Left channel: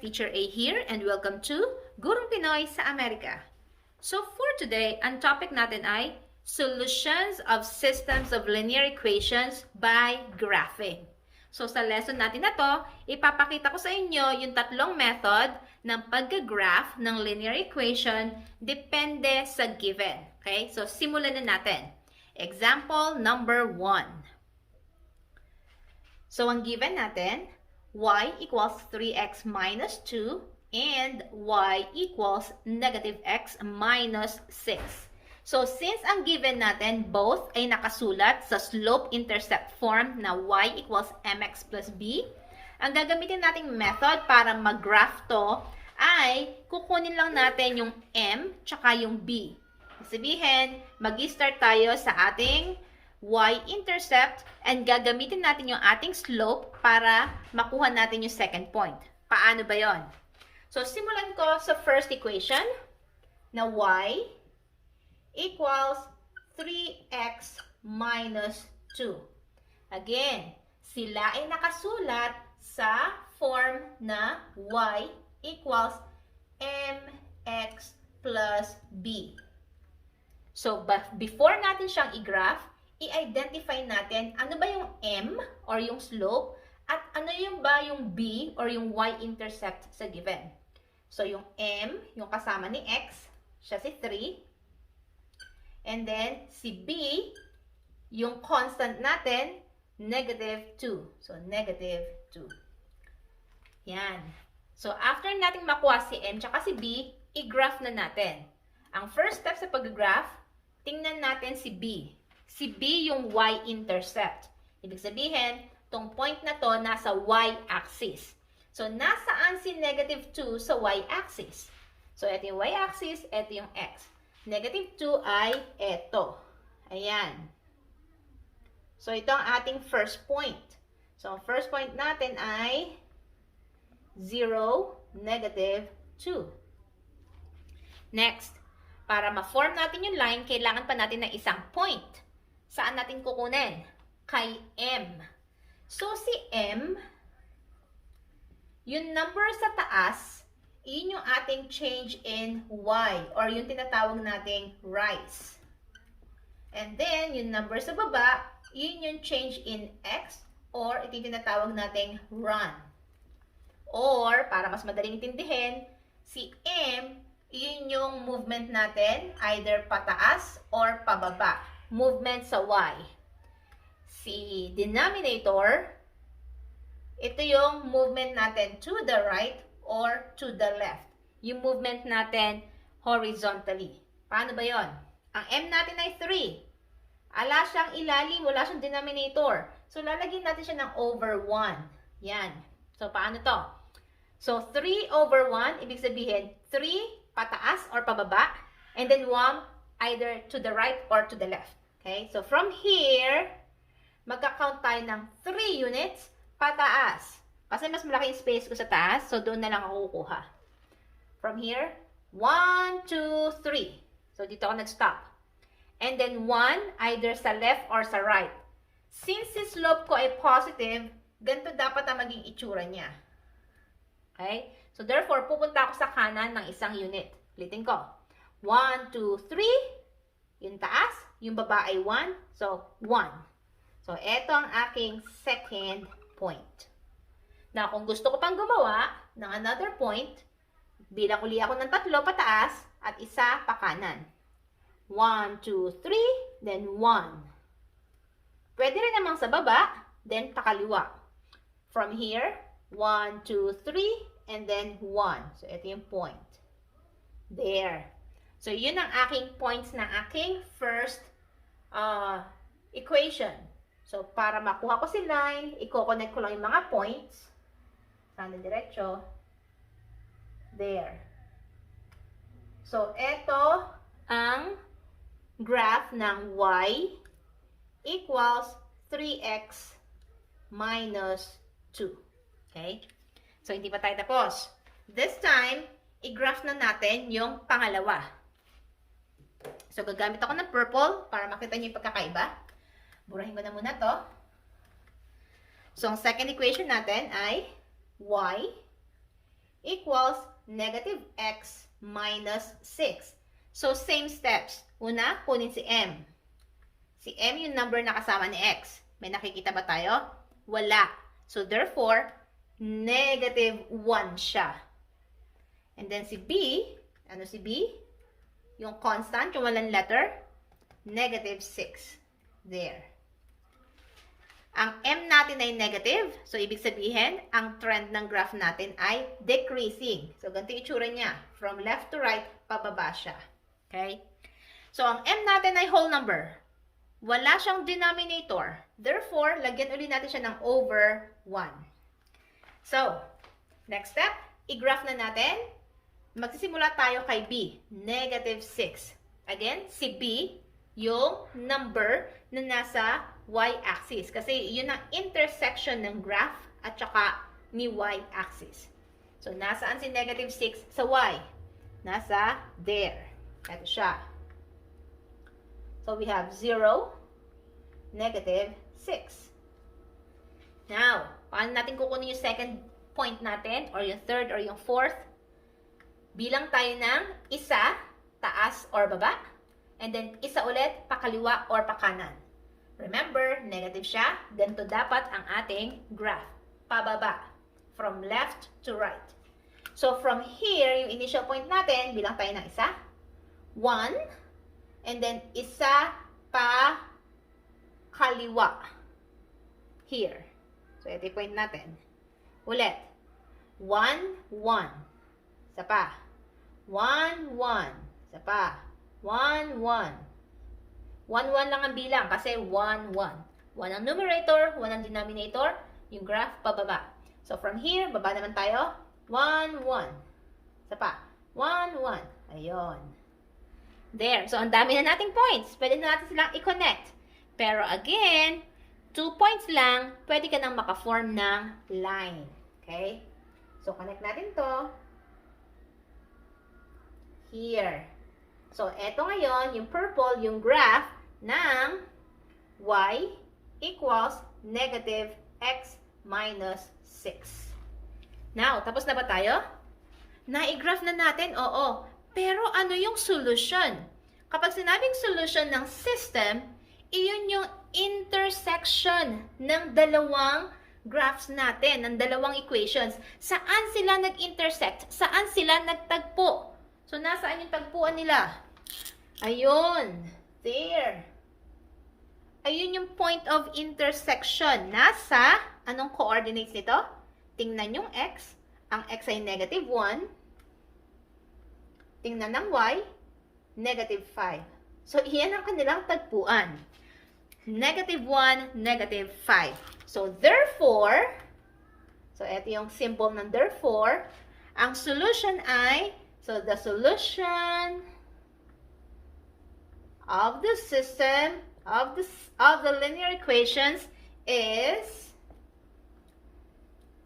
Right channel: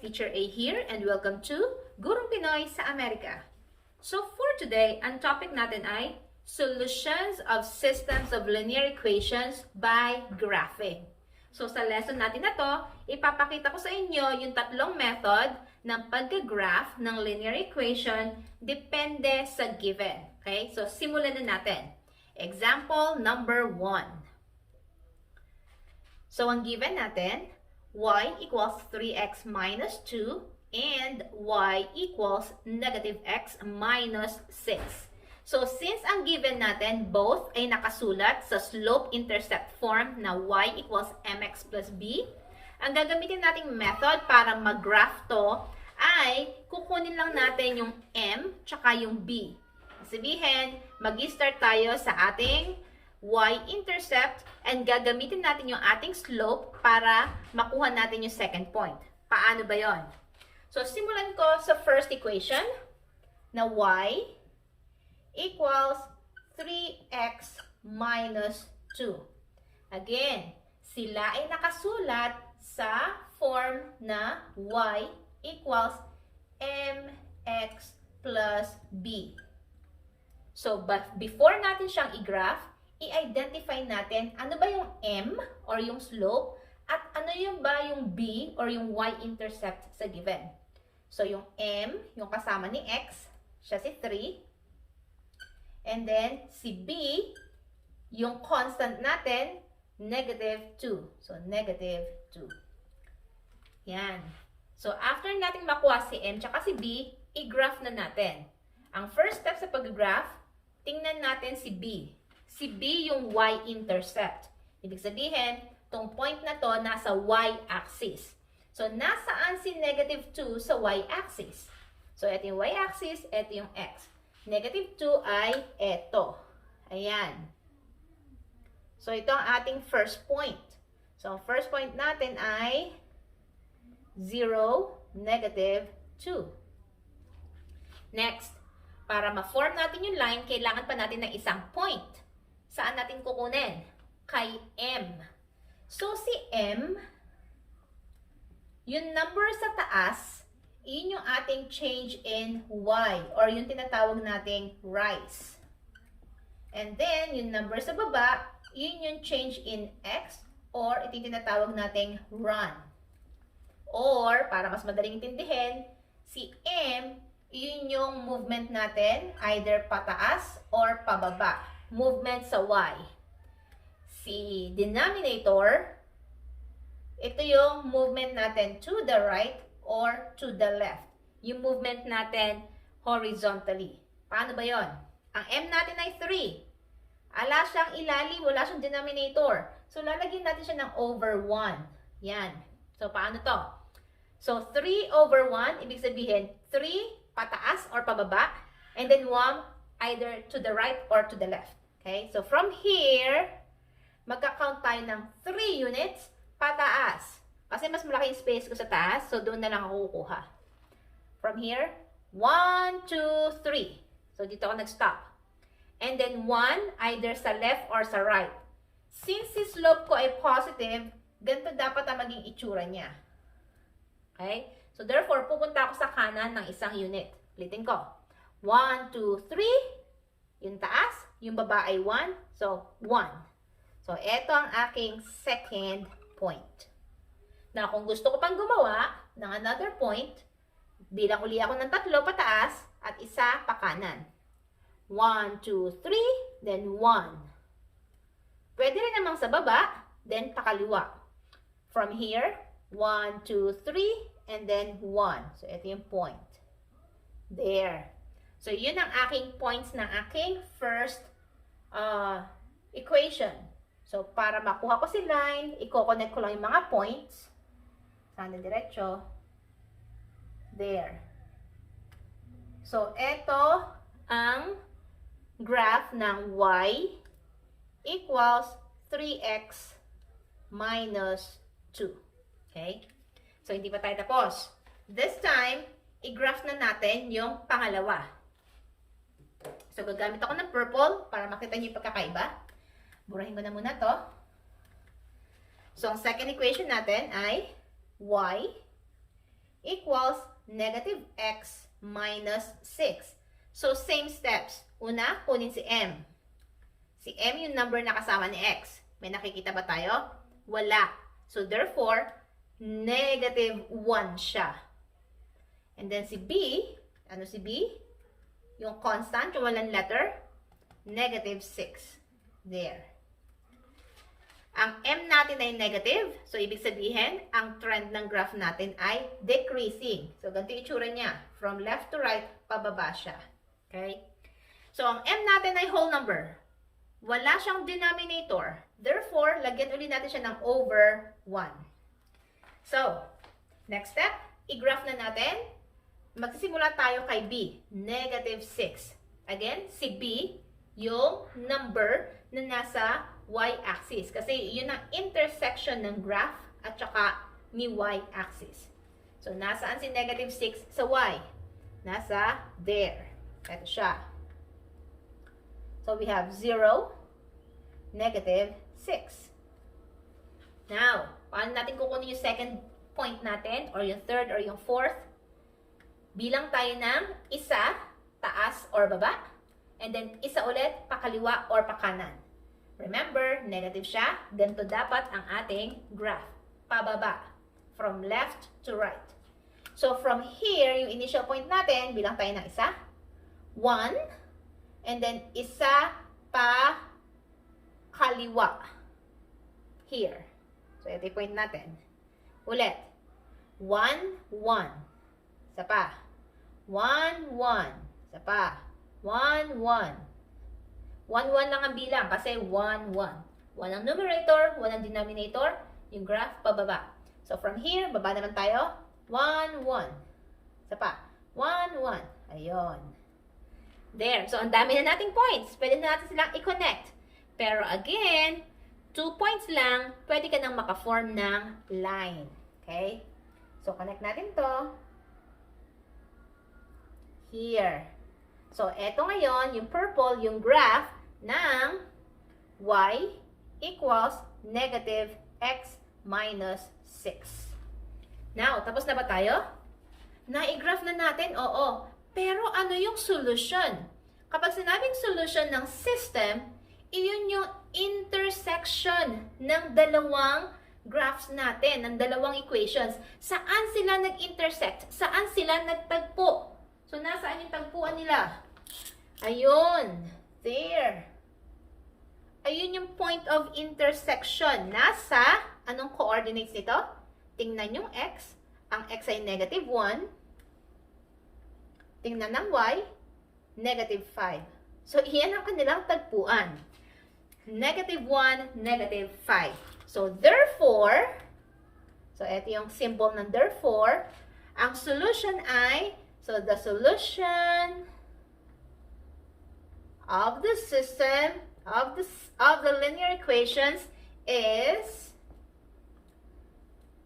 Teacher A here and welcome to Gurong Pinoy sa Amerika. So for today, ang topic natin ay Solutions of Systems of Linear Equations by Graphing. So sa lesson natin na to, ipapakita ko sa inyo yung tatlong method ng pag-graph ng linear equation depende sa given. Okay? So simulan na natin. Example number 1. So ang given natin, y equals 3x minus 2 and y equals negative x minus 6. So, since ang given natin, both ay nakasulat sa slope-intercept form na y equals mx plus b, ang gagamitin nating method para mag-graph to ay kukunin lang natin yung m tsaka yung b. Sabihin, mag-start tayo sa ating y-intercept and gagamitin natin yung ating slope para makuha natin yung second point. Paano ba yon? So, simulan ko sa first equation na y equals 3x minus 2. Again, sila ay nakasulat sa form na y equals mx plus b. So, before natin siyang i-graph, i-identify natin ano ba yung m or yung slope at ano yung ba yung b or yung y-intercept sa given. So, yung m, yung kasama ni x, siya si 3. And then, si b, yung constant natin, negative 2. So, negative 2. Yan. So, after natin makuha si m tsaka si b, i-graph na natin. Ang first step sa pag-graph, tingnan natin si b. Si b yung y-intercept. Ibig sabihin, tong point na to nasa y-axis. So, nasaan si negative 2 sa y-axis? So, ito yung y-axis, ito yung x. Negative 2 ay ito. Ayan. So, ito ang ating first point. So, ang first point natin ay 0, negative 2. Next, para ma-form natin yung line, kailangan pa natin ng isang point. Saan natin kukunin? Kay m. So, si m, yung number sa taas, yun yung ating change in y, or yung tinatawag nating rise. And then, yung number sa baba, yun yung change in x, or ito yung tinatawag nating run. Or, para mas madaling intindihin, si m, yun yung movement natin, either pataas or pababa. Movement sa y. Si denominator, ito yung movement natin to the right or to the left. Yung movement natin horizontally. Paano ba yon? Ang m natin ay 3. Ala siyang ilalim, wala siyang denominator. So, lalagyan natin siya ng over 1. Yan. So, paano to? So, 3 over 1, ibig sabihin, 3 pataas or pababa, and then 1 either to the right or to the left. Okay? So, from here, magka-count tayo ng 3 units pataas. Kasi mas malaki yung space ko sa taas, so doon na lang ako kukuha. From here, 1, 2, 3. So, dito ako nag-stop. And then 1 either sa left or sa right. Since si slope ko ay positive, ganito dapat ang maging itsura niya. Okay? So, therefore, pupunta ako sa kanan ng isang unit. Ulitin ko. 1, 2, 3. Yung taas. Yung baba ay 1. So, 1. So, eto ang aking second point. Na kung gusto ko pang gumawa ng another point, bilang uli ako ng 3 pataas at isa pa kanan. 1, 2, 3, then 1. Pwede rin namang sa baba, then pakaliwa. From here, 1, 2, 3, and then 1. So, ito yung point. There. So, yun ang aking points ng aking first equation. So, para makuha ko si line, i-connect ko lang yung mga points. Sana diretso. There. So, ito ang graph ng y equals 3x minus 2. Okay? So, hindi pa tayo tapos. This time, i-graph na natin yung pangalawa. So, gagamit ako ng purple para makita niyo yung pagkakaiba. Burahin ko na muna to. So, ang second equation natin ay y equals negative x minus 6. So, same steps. Una, kunin si m. Si m yung number na kasama ni x. May nakikita ba tayo? Wala. So, therefore, negative 1 siya. And then si b, ano si b? Yung constant, yung walang letter, negative 6. There. Ang m natin ay negative. So, ibig sabihin, ang trend ng graph natin ay decreasing. So, ganito yung itsura niya. From left to right, pababa siya. Okay? So, ang m natin ay whole number. Wala siyang denominator. Therefore, lagyan ulit natin siya ng over 1. So, next step, i-graph na natin. Magsisimula tayo kay b, negative 6. Again, si b, yung number na nasa y-axis. Kasi yun ang intersection ng graph at saka ni y-axis. So, nasaan si negative 6 sa y? Nasa there. Ito siya. So, we have 0, negative 6. Now, paano natin kukunin yung second point natin? Or yung third or yung fourth? Bilang tayo ng isa, taas or baba. And then, isa ulit, pakaliwa or pakanan. Remember, negative siya. Ganito dapat ang ating graph. Pababa. From left to right. So, from here, yung initial point natin, bilang tayo ng isa. 1. And then, isa pa kaliwa. Here. So, ito yung point natin. Ulit. 1, 1. Isa pa. 1, 1. Isa pa. 1, 1. 1 lang ang bilang kasi 1, 1. 1 ang numerator, 1 ang denominator, yung graph pababa. So, from here, baba naman tayo. 1, 1. Isa pa. 1, 1. Ayun. There. So, ang dami na nating points. Pwede na natin silang i-connect. Pero again, 2 points lang, pwede ka nang maka-form ng line. Okay? So, connect natin to. Here. So, eto ngayon, yung purple, yung graph ng y equals negative x minus 6. Now, tapos na ba tayo? Na-graph na natin? Oo. Pero ano yung solution? Kapag sinabing solution ng system, iyon yung intersection ng dalawang graphs natin, ng dalawang equations. Saan sila nag-intersect? Saan sila nagtagpo? So, nasaan yung tagpuan nila? Ayun. There. Ayun yung point of intersection. Nasa, anong coordinates nito? Tingnan yung x. Ang x ay negative 1. Tingnan ng y, negative 5. So, iyan ang kanilang tagpuan. Negative 1, negative 5. So, therefore, so, ito yung symbol ng therefore, ang solution ay, so, the solution of the system of the linear equations is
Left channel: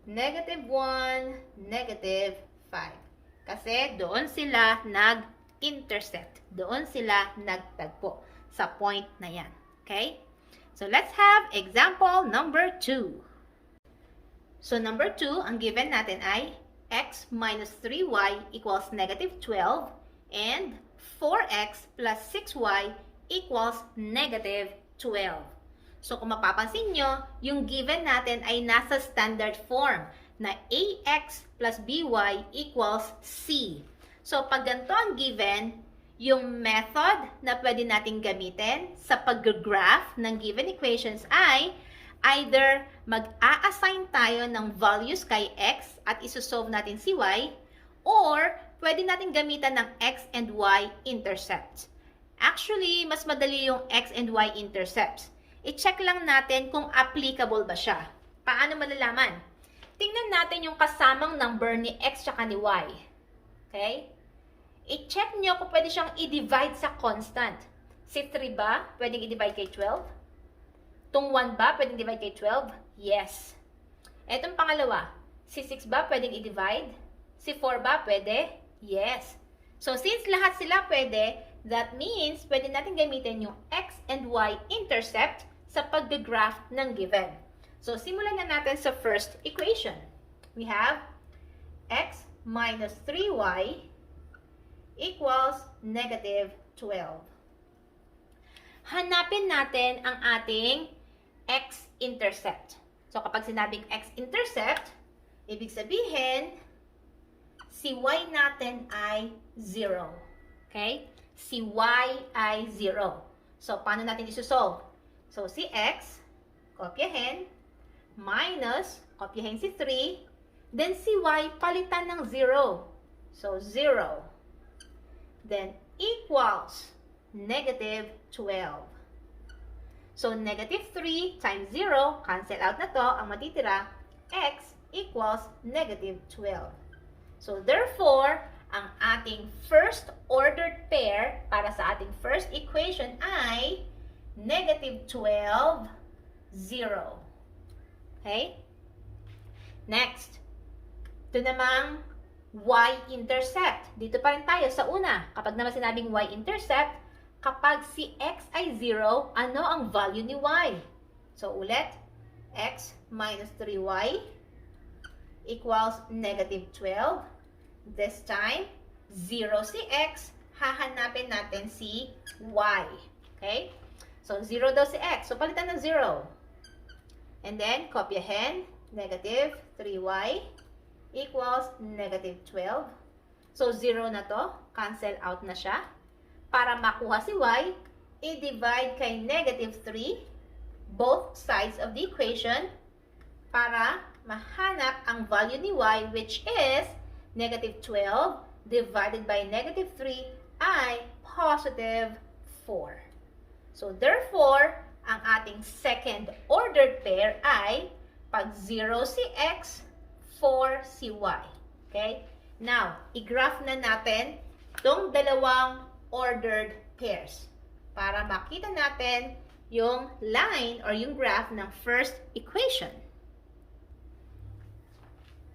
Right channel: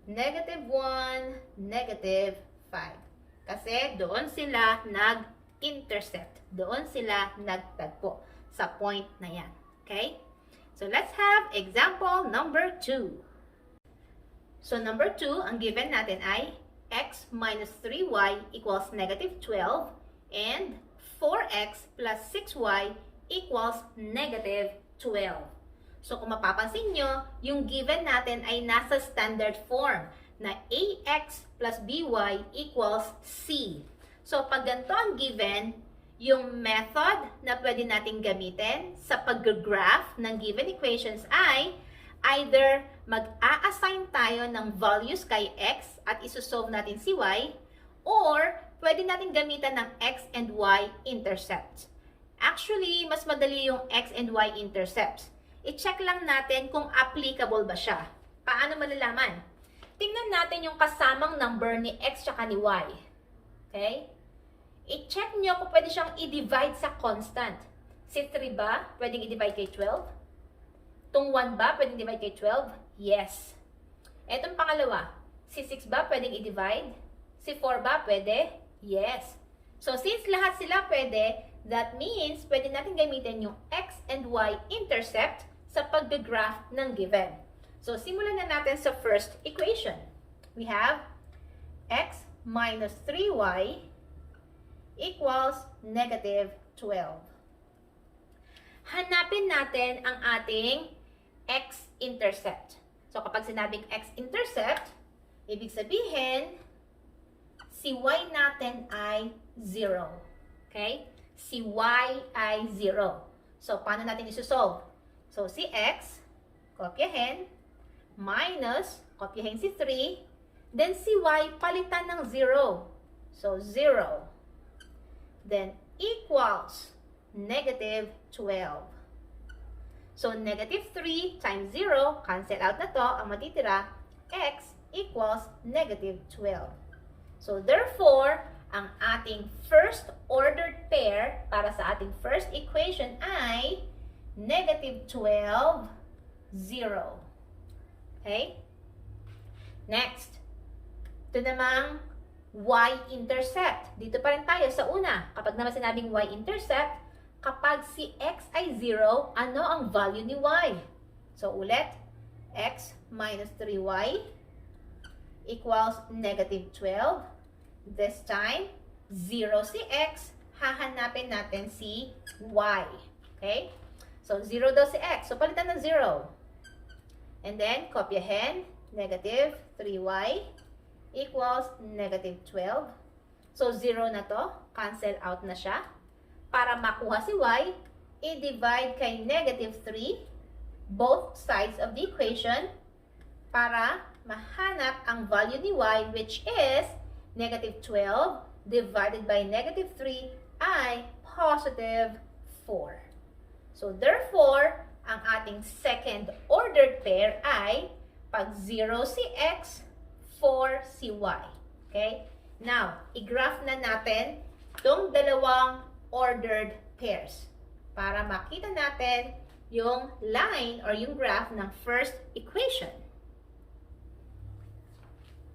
negative 1, negative 5. Kasi doon sila nag-intersect. Doon sila nagtagpo sa point na yan. Okay? So, let's have example number 2. So, number 2, ang given natin ay x minus 3y equals negative 12 and 4x plus 6y equals negative 12. So, kung mapapansin nyo, yung given natin ay nasa standard form na ax plus by equals c. So, pag ganito ang given, yung method na pwede natin gamitin sa pag-graph ng given equations ay either mag-a-assign tayo ng values kay x at isosolve natin si y, or pwede natin gamitan ng x and y intercepts. Actually, mas madali yung x and y intercepts. I-check lang natin kung applicable ba siya. Paano malalaman? Tingnan natin yung kasamang number ni x at ni y. Okay? I-check nyo kung pwede siyang i-divide sa constant. Si 3 ba, pwedeng i-divide kay 12? Itong 1 ba, pwedeng i-divide kay 12? Yes. Etong pangalawa, si 6 ba, pwedeng i-divide? Si 4 ba, pwede? Yes. So, since lahat sila pwede, that means pwede natin gamitin yung x and y intercept sa pag-graph ng given. So, simulan na natin sa first equation. We have x minus 3y equals negative 12. Hanapin natin ang ating x-intercept. So, kapag sinabing x-intercept, ibig sabihin, si y natin ay 0. Okay? Si y ay 0. So, paano natin isosolve? So, si x, kopyahin, minus, kopyahin si 3, then si y, palitan ng 0. So, 0. Then, equals negative 12. So, negative 3 times 0, cancel out na to, ang matitira, x equals negative 12. So, therefore, ang ating first ordered pair para sa ating first equation ay negative 12, 0. Okay? Next, ito namang y-intercept. Dito pa rin tayo sa una. Kapag naman sinabing y-intercept, kapag si x ay 0, ano ang value ni y? So, ulit, x minus 3y equals negative 12. This time, 0 si x, hahanapin natin si y. Okay? So, 0 daw si x. So, palitan ng 0. And then, kopyahin, negative 3y equals negative 12. So, 0 na to. Cancel out na siya. Para makuha si y, i-divide kay negative 3 both sides of the equation para mahanap ang value ni y, which is negative 12 divided by negative 3 ay positive 4. So, therefore, ang ating second ordered pair ay pag 0 si x, 4 si y. Okay? Now, i-graph na natin itong dalawang ordered pairs para makita natin yung line or yung graph ng first equation.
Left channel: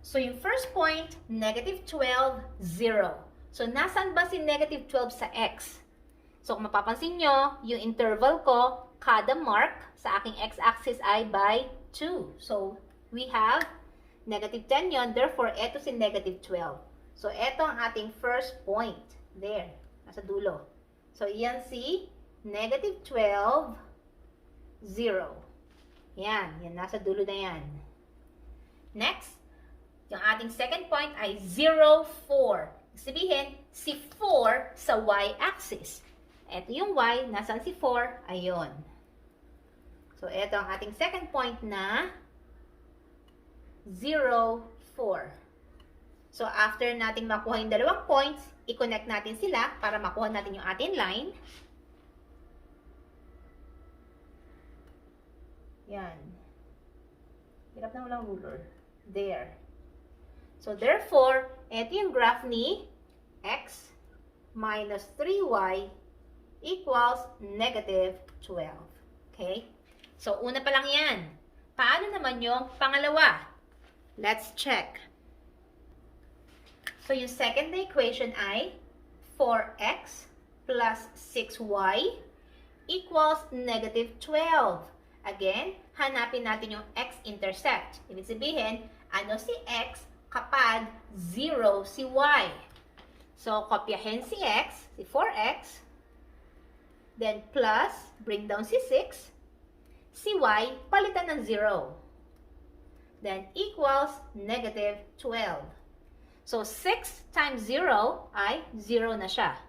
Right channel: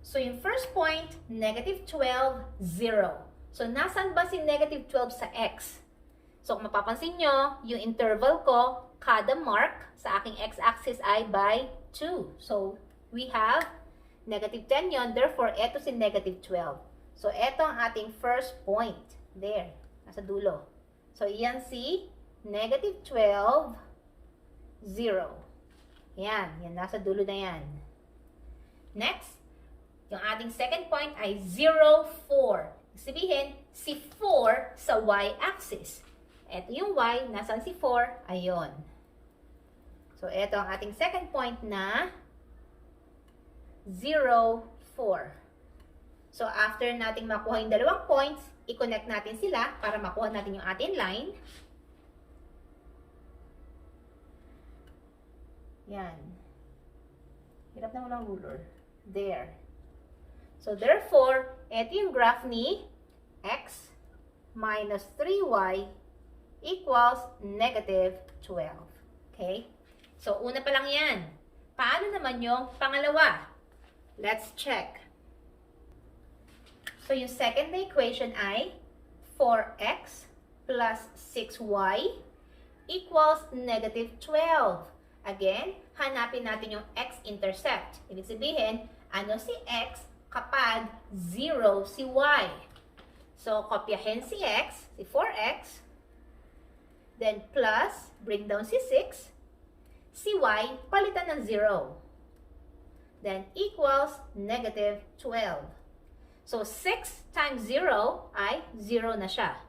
So, yung first point, negative 12, 0. So, nasan ba si negative 12 sa x? So, kung mapapansin nyo, yung interval ko, kada mark sa aking x-axis ay by 2. So, we have negative 10 yon. Therefore, eto si negative 12. So, eto ang ating first point. There. Nasa dulo. So, yan si negative 12, 0. Yan. Yan. Nasa dulo na yan. Next, yung ating second point ay 0, 4. Sabihin, si 4 sa y-axis. Ito yung y, nasan si 4? Ayon. So, ito ang ating second point na 0, 4. So, after nating makuha yung dalawang points, i-connect natin sila para makuha natin yung ating line. Yan. Hirap na walang ruler. There. So, therefore, ito yung graph ni x minus 3y equals negative 12. Okay? So, una pa lang yan. Paano naman yung pangalawa? Let's check. So, yung second equation ay 4x plus 6y equals negative 12. Again, hanapin natin yung x-intercept. Ibig sabihin, ano si x kapag 0 si y? So, kopyahin si x, si 4x, then plus, bring down si 6, si y, palitan ng 0. Then, equals negative 12. So, 6 times 0 ay 0 na siya.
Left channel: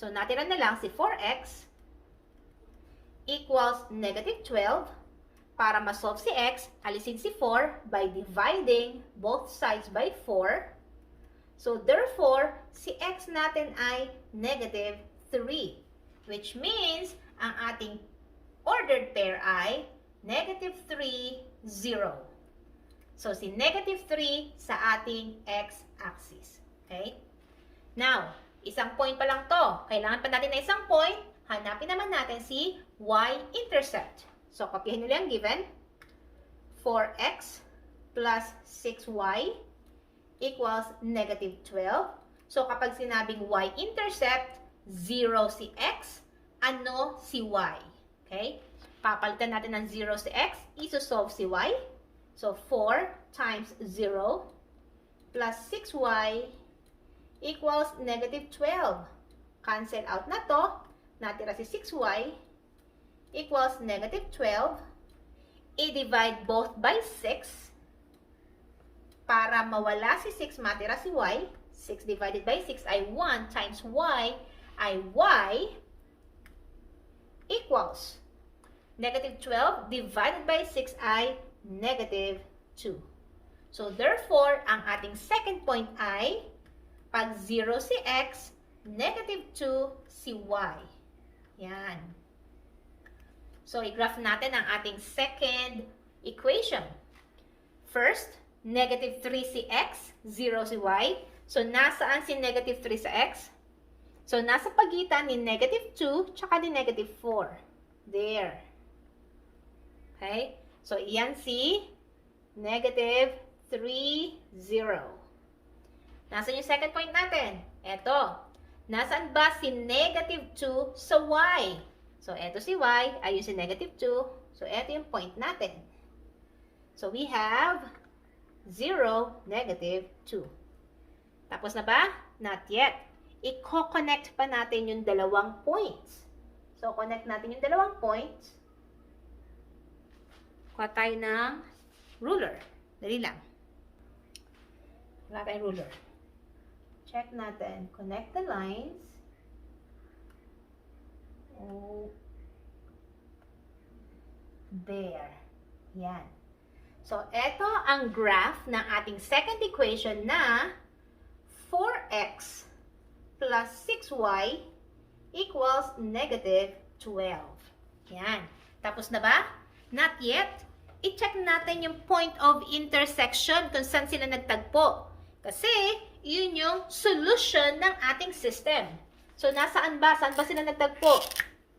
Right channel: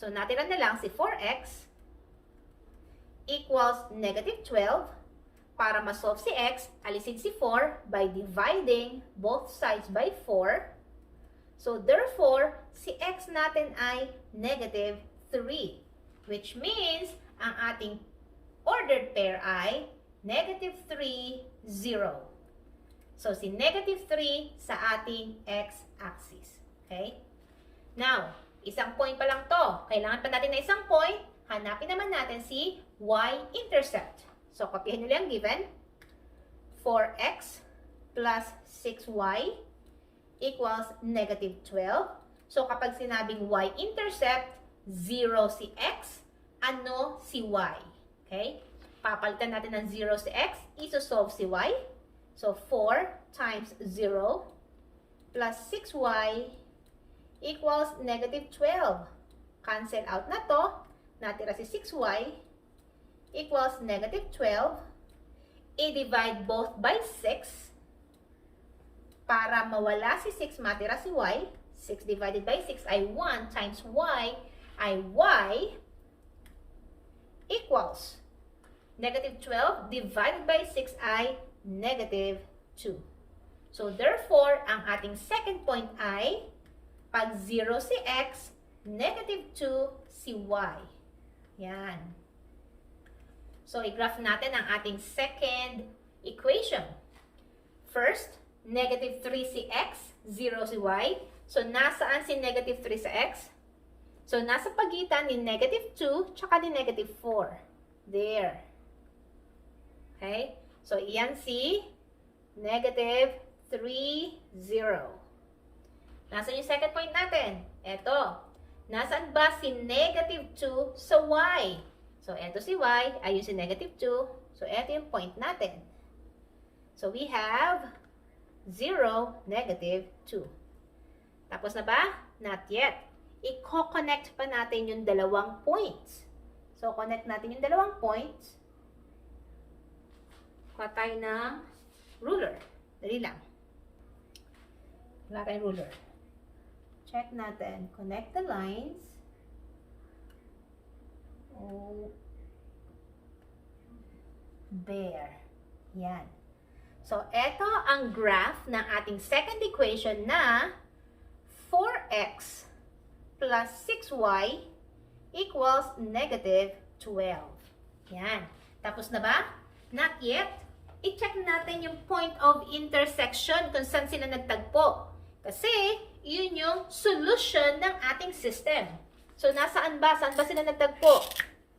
So, natira na lang si 4x equals negative 12. Para ma-solve si x, alisin si 4 by dividing both sides by 4. So, therefore, si x natin ay negative 3. Which means, ang ating ordered pair ay negative 3, 0. So, si negative 3 sa ating x-axis. Okay? Now, isang point pa lang to. Kailangan pa natin na isang point. Hanapin naman natin si y-intercept. So, kopyahin nila yung given. 4x plus 6y equals negative 12. So, kapag sinabing y-intercept, 0 si x, ano si y? Okay? Papalitan natin ng 0 si x, isosolve si y. So, 4 times 0 plus 6y equals negative 12. Cancel out na to. Natira si 6y equals negative 12. I-divide both by 6. Para mawala si 6, matira si y. 6 divided by 6 ay 1 times y ay y equals negative 12 divided by 6 ay negative 2. So, therefore, ang ating second point ay pag 0 si x, negative 2 si y. Yan. So, i-graph natin ang ating second equation. First, negative 3 si x, 0 si y. So, nasaan si negative 3 sa x? So, nasa pagitan ni negative 2 tsaka ni negative 4. There. Okay? So, iyan si negative 3, 0. Nasaan yung second point natin? Eto. Nasaan ba si negative 2 sa y? So, eto si y, ayun si negative 2. So, eto yung point natin. So, we have 0, negative 2. Tapos na ba? Not yet. I-connect pa natin yung dalawang points. So, connect natin yung dalawang points. Kuha tayo ng ruler. Dali lang. Wala tayong ruler. Check natin. Connect the lines. Oh. There. Yan. So, eto ang graph ng ating second equation na 4x plus 6y equals negative 12. Yan. Tapos na ba? Not yet. I-check natin yung point of intersection kung saan sila nagtagpo. Kasi, yun yung solution ng ating system. So, nasaan ba? Saan ba sila nagtagpo?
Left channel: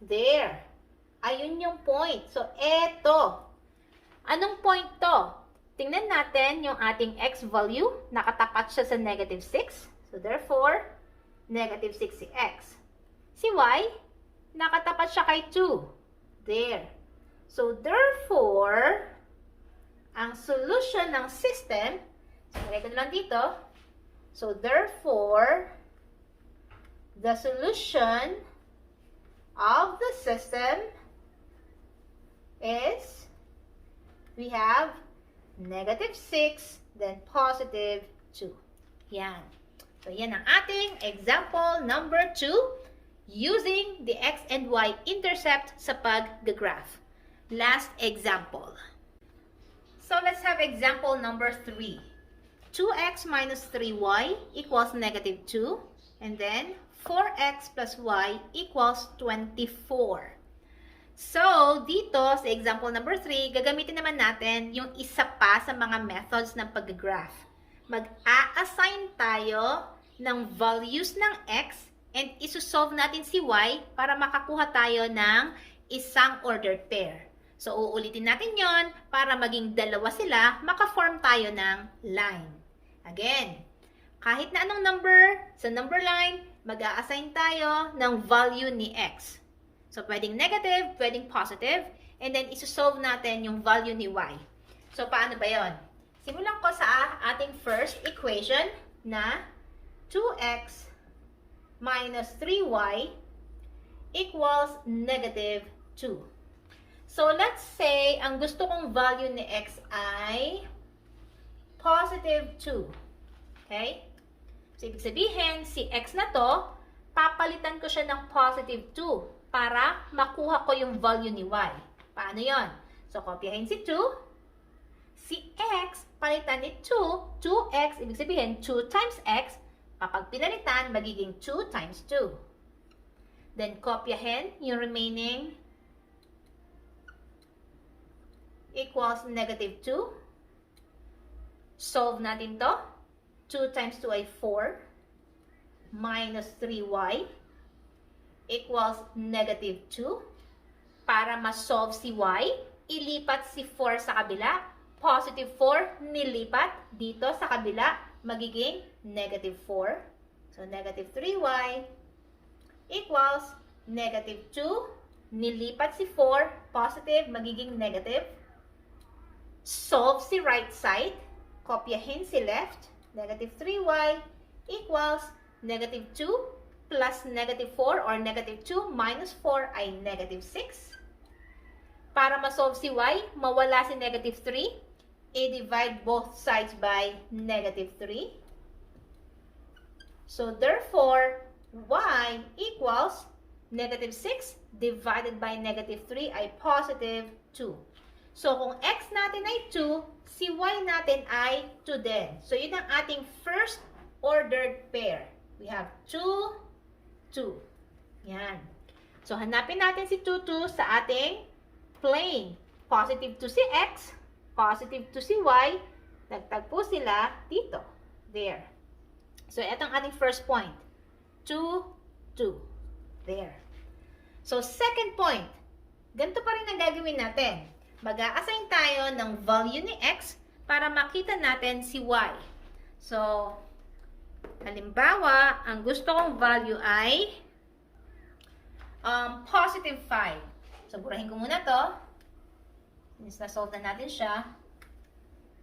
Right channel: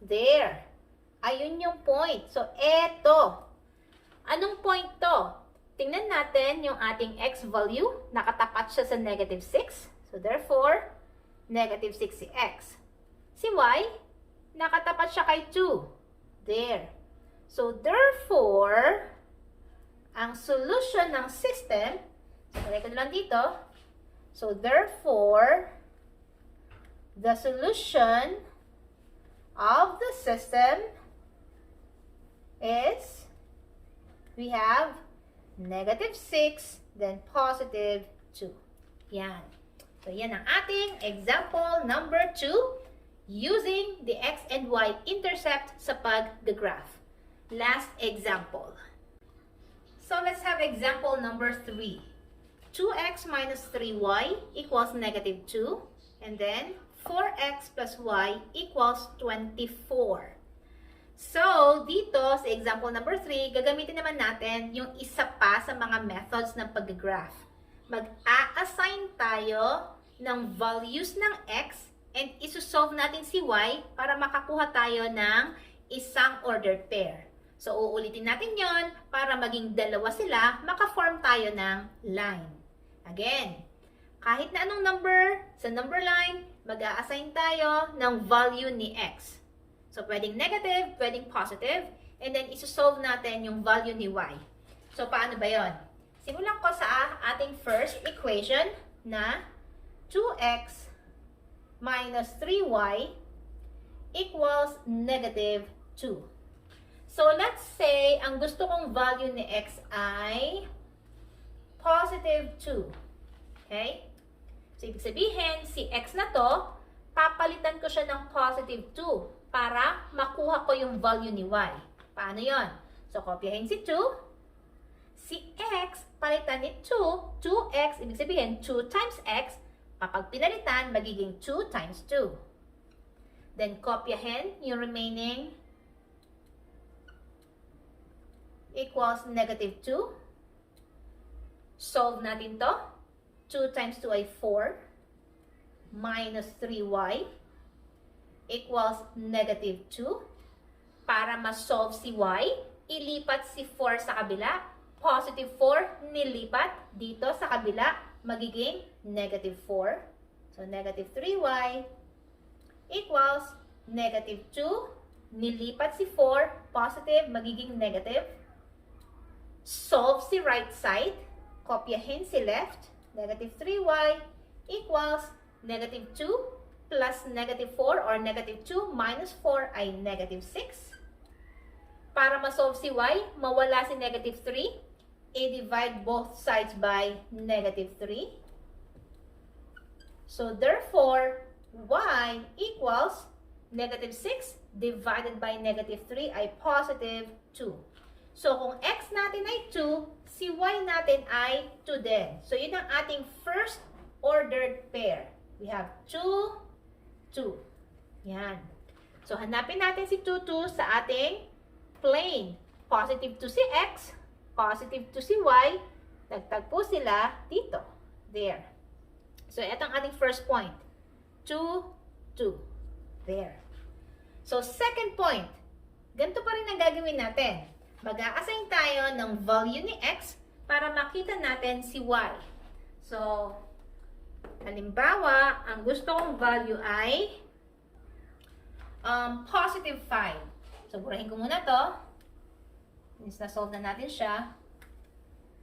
There. Ayun yung point. So, eto. Anong point to? Tingnan natin yung ating x value. Nakatapat siya sa negative 6. So, therefore, negative 6 si x. Si y, nakatapat siya kay 2. There. So, therefore, ang solution ng system, lagay ko lang dito. So, therefore, the solution of the system is, we have negative 6, then positive 2. Yan. So, yan ang ating example number 2 using the x and y intercept sa pag-graph. Last example. So, let's have example number 3. 2x minus 3y equals negative 2. And then, 4x plus y equals 24. So, dito sa example number 3, gagamitin naman natin yung isa pa sa mga methods ng pag-graph. Mag-a-assign tayo ng values ng x and isusolve natin si y para makakuha tayo ng isang ordered pair. So, uulitin natin yon para maging dalawa sila, maka-form tayo ng line. Again, kahit na anong number, sa number line, mag-a-assign tayo ng value ni x. So, pwedeng negative, pwedeng positive, and then isusolve natin yung value ni y. So, paano ba yon? Simulan ko sa ating first equation na 2x minus 3y equals negative 2. So, let's say, ang gusto kong value ni x ay positive 2. Okay? So, ibig sabihin, si x na to, papalitan ko siya ng positive 2 para makuha ko yung value ni y. Paano yon? So, kopyahin si 2. Si x, palitan ni 2. 2x, ibig sabihin, 2 times x. Kapag pinalitan, magiging 2 times 2. Then, kopyahin yung remaining equals negative 2. Solve natin to. 2 times 2 ay 4. Minus 3y equals negative 2. Para ma-solve si y, ilipat si 4 sa kabila. Positive 4, nilipat dito sa kabila, magiging negative 4. So, negative 3y equals negative 2. Nilipat si 4, positive, magiging negative. Solve si right side. Kopyahin si left. Negative 3y equals Negative 2 plus negative 4 or negative 2 minus 4 ay negative 6. Para ma-solve si y, mawala si negative 3, i-divide both sides by negative 3. So therefore, y equals negative 6 divided by negative 3 ay positive 2. So kung x natin ay 2, si y natin ay 2 din. So yun ang ating first ordered pair. We have 2, 2. Yan. So hanapin natin si 2, 2 sa ating plane. Positive 2 si x, positive 2 si y, nagtagpo sila dito. There. So ito ang ating first point. 2, 2. There. So second point, ganito pa rin ang gagawin natin. Mag-a-assign tayo ng value ni x para makita natin si y. So, halimbawa, ang gusto kong value ay positive 5. So, burahin ko muna to. Since na-solve na natin siya.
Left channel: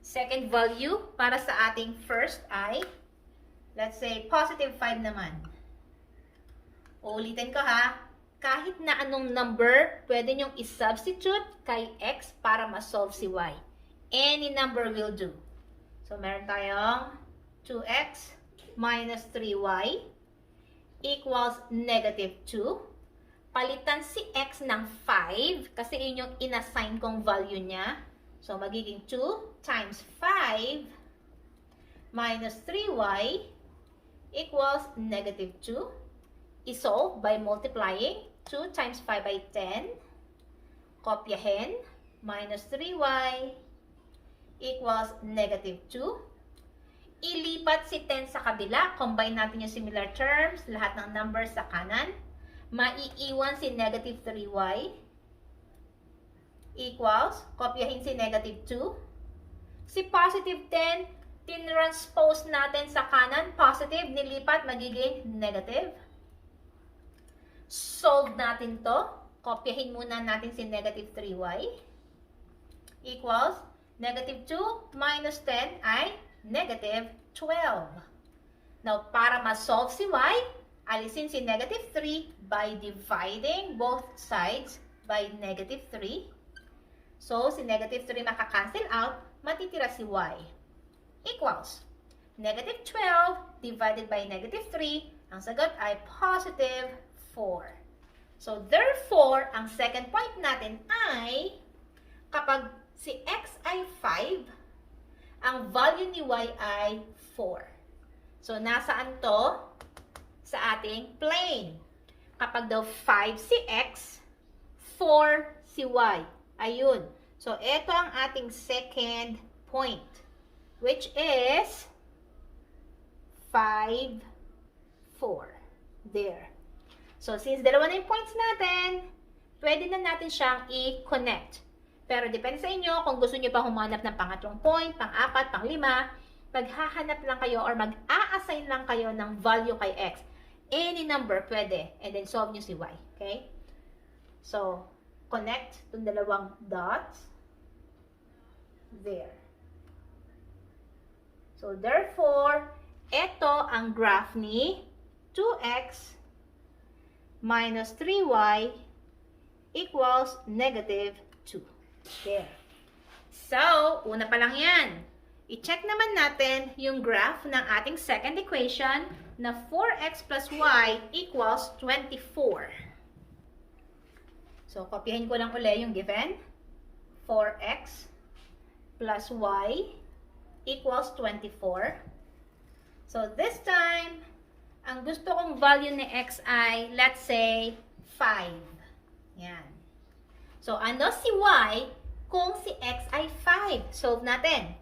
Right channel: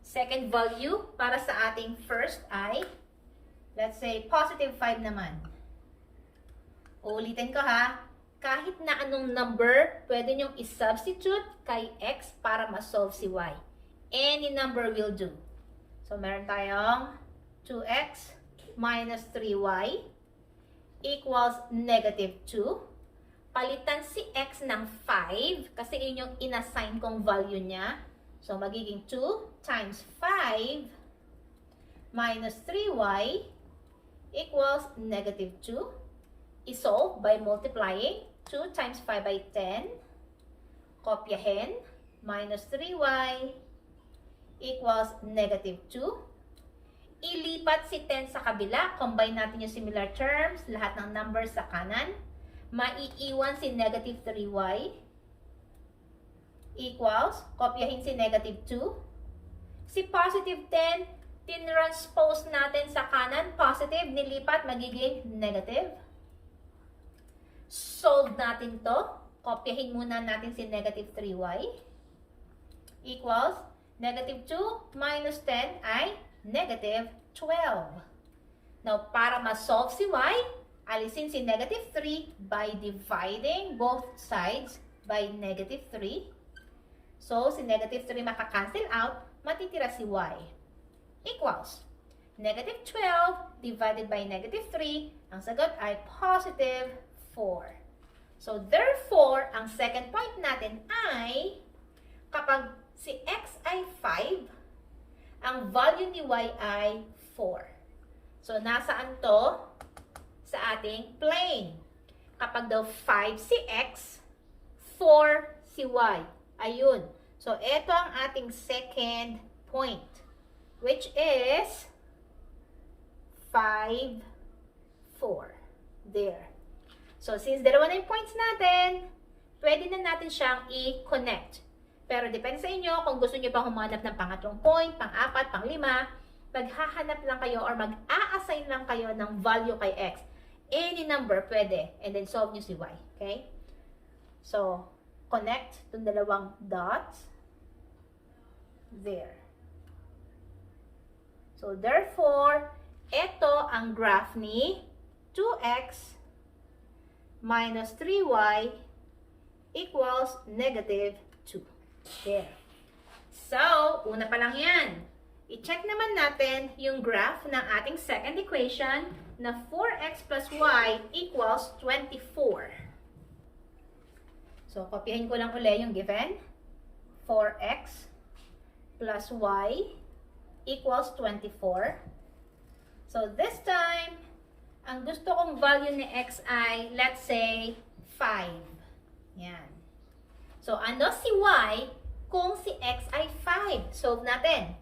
Second value para sa ating first ay, let's say, positive 5 naman. Uulitin ko ha. Kahit na anong number, pwede nyong i-substitute kay x para ma-solve si y. Any number will do. So, meron tayong 2x minus 3y equals negative 2. Palitan si x ng 5 kasi yun yung inassign kong value niya. So, magiging 2 times 5 minus 3y equals negative 2. I-solve by multiplying 2 times 5 by 10. Kopyahin. Minus 3y equals negative 2. Ilipat si 10 sa kabila. Combine natin yung similar terms. Lahat ng numbers sa kanan. Maiiwan si negative 3y equals, kopyahin si negative 2. Si positive 10, tinranspose natin sa kanan. Positive, nilipat, magiging negative. Solve natin to. Kopyahin muna natin si negative 3y equals negative 2 minus 10 ay negative 12. Now, para ma-solve si y, alisin si negative 3 by dividing both sides by negative 3. So, si negative 3 makakancel out, matitira si y equals negative 12 divided by negative 3. Ang sagot ay positive 4. So, therefore, ang second point natin ay kapag si x ay 5, ang value ni y ay 4. So, nasaan to? Sa ating plane. Kapag daw 5 si x, 4 si y. Ayun. So, ito ang ating second point, which is 5, 4. There. So, since dalawa na yung points natin, pwede na natin siyang i-connect. Pero depende sa inyo kung gusto nyo pa humanap ng pangatlong point, pang-apat, pang-lima, maghahanap lang kayo or mag-a-assign lang kayo ng value kay x. Any number pwede. And then solve nyo si y. Okay? So, connect itong dalawang dots. There. So, therefore, ito ang graph ni 2x minus 3y equals negative 2. There. So, una pa lang yan. I-check naman natin yung graph ng ating second equation na 4x plus y equals 24. So, kopyahin ko lang ulit yung given. 4x plus y equals 24. So, this time, ang gusto kong value ni x ay, let's say, 5. Yan. So, ano si y kung si x ay 5? Solve natin.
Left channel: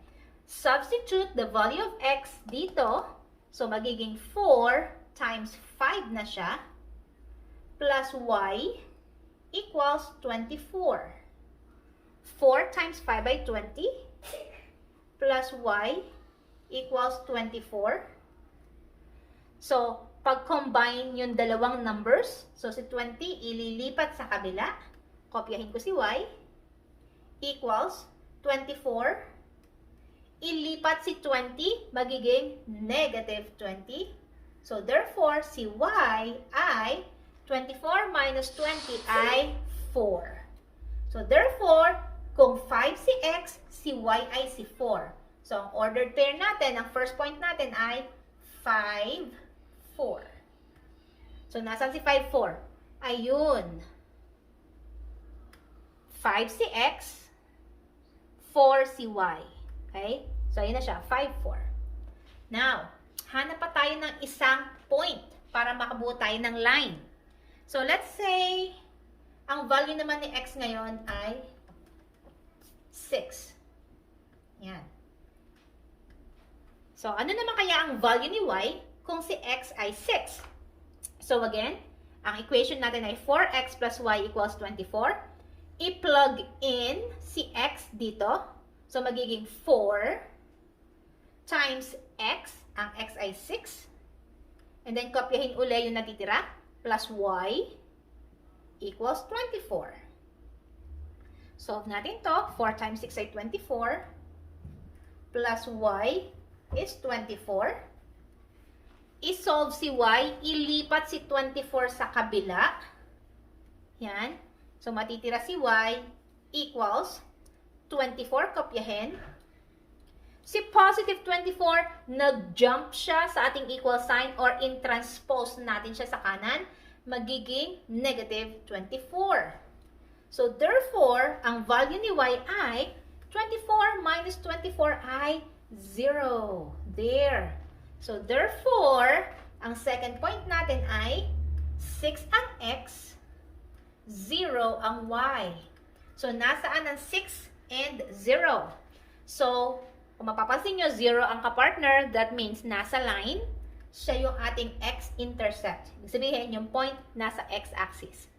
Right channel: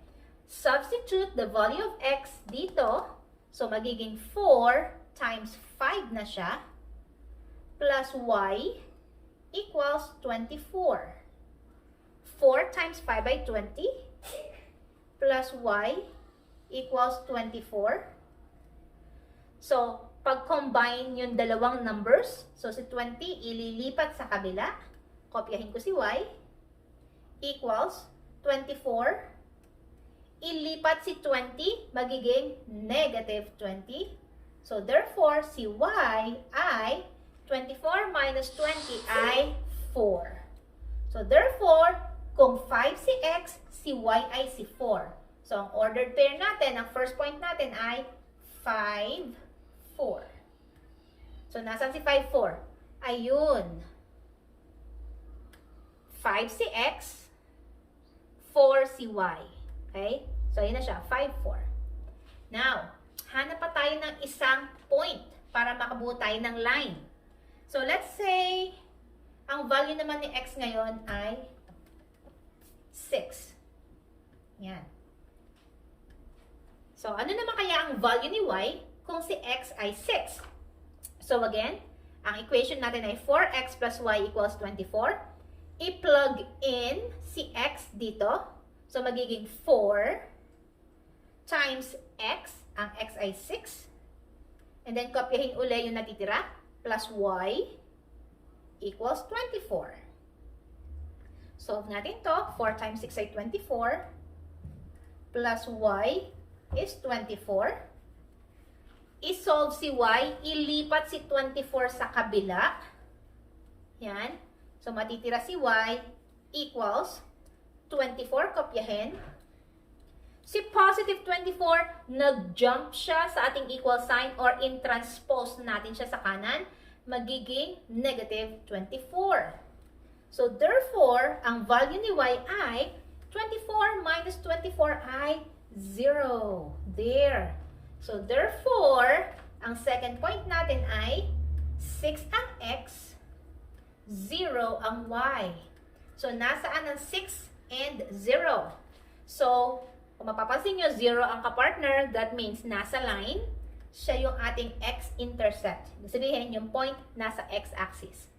Substitute the value of x dito. So, magiging 4 times 5 na siya. Plus y equals 24. 4 times 5 by 20. Plus y equals 24. So, pag-combine yung dalawang numbers, so si 20 ililipat sa kabila, kopyahin ko si y, equals 24, ilipat si 20, magiging negative 20. So, therefore, si y ay 24 minus 20 ay 4. So, therefore, kung 5 si x, si y ay si 4. So, ang ordered pair natin, ang first point natin ay 5, 4. So, nasaan si 5, 4? Ayun. 5 si x, 4 si y. Okay? So, ayun na siya. 5, 4. Now, hanap pa tayo ng isang point para makabuo tayo ng line. So, let's say, ang value naman ni x ngayon ay 6. Yan. So, ano naman kaya ang value ni y kung si x ay 6? So, again, ang equation natin ay 4x plus y equals 24. I-plug in si x dito. So, magiging 4 times x. Ang x ay 6. And then, kopyahin uli yung natitira. Plus y equals 24. Solve natin to. 4 times 6 ay 24. Plus y is 24. I-solve si y, ilipat si 24 sa kabila. Yan. So, matitira si y equals 24, kopyahin. Si positive 24, nag-jump siya sa ating equal sign or in-transpose natin siya sa kanan, magiging negative 24. So, therefore, ang value ni y ay 24 minus 24 ay 0. There. So, therefore, ang second point natin ay 6 ang x, 0 ang y. So, nasaan ang 6 and 0? So, kung mapapansin nyo, 0 ang kapartner, that means nasa line, siya yung ating x-intercept. Ibig sabihin, yung point nasa x-axis.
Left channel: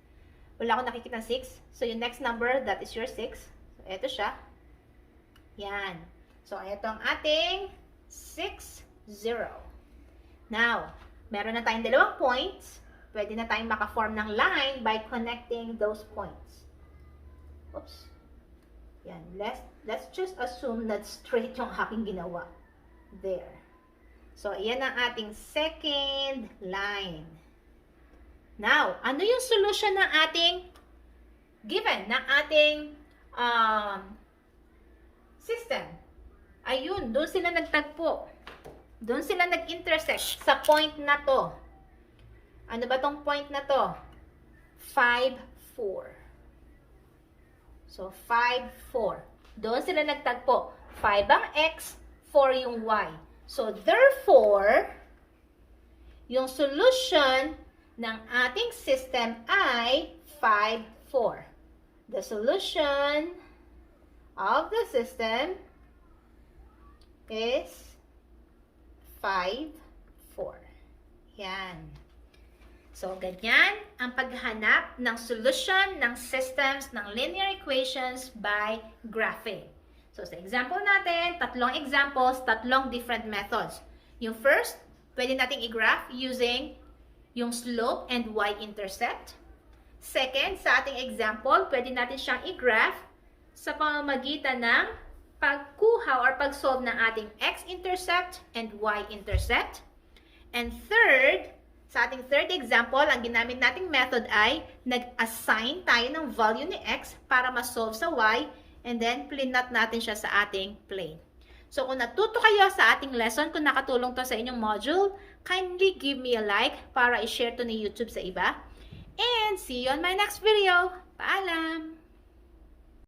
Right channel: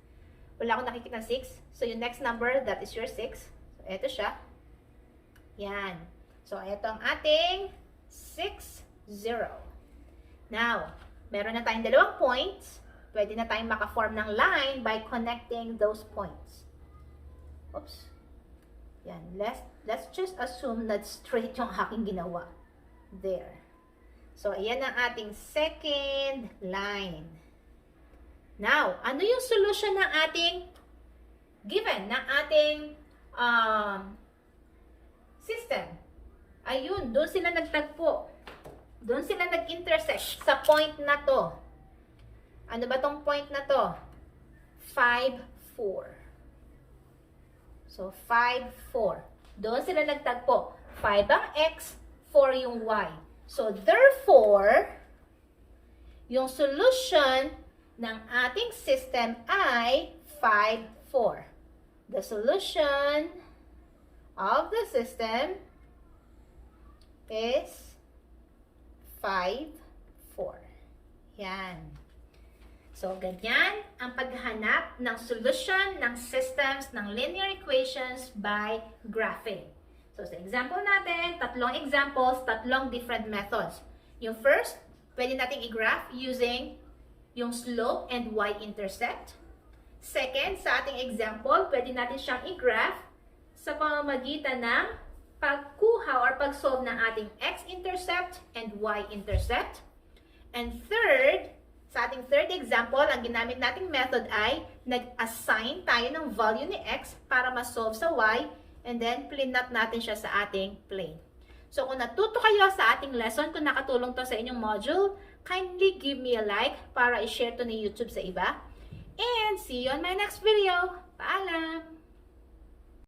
Wala akong nakikita 6. So, yung next number, that is your 6. So, ito siya. Yan. So, ito ang ating 6, 0. Now, meron na tayong dalawang points. Pwede na tayong maka-form ng line by connecting those points. Oops. Yan. Let's just assume that straight yung aking ginawa. There. So, ayan ang ating second line. Now, ano yung solution ng ating given, ng ating system? Ayun, doon sila nagtagpo. Doon sila nag-intersect sa point na to. Ano ba tong point na to? 5, 4. So, 5, 4. Doon sila nagtagpo. 5 ang x, 4 yung y. So, therefore, yung solution ng ating system ay 5, 4. The solution of the system is 5, 4. Yan. So, ganyan ang paghahanap ng solution ng systems ng linear equations by graphing. So, sa example natin, tatlong examples, tatlong different methods. Yung first, pwede nating i-graph using yung slope and y-intercept. Second, sa ating example, pwede natin siyang i-graph sa pamamagitan ng pagkuha or pag-solve ng ating x-intercept and y-intercept. And third, sa ating third example, ang ginamit nating method ay nag-assign tayo ng value ni x para ma-solve sa y and then plinot natin siya sa ating plane. So, kung natuto kayo sa ating lesson, kung nakatulong to sa inyong module, kindly give me a like para i-share to ni YouTube sa iba. And see you on my next video. Paalam!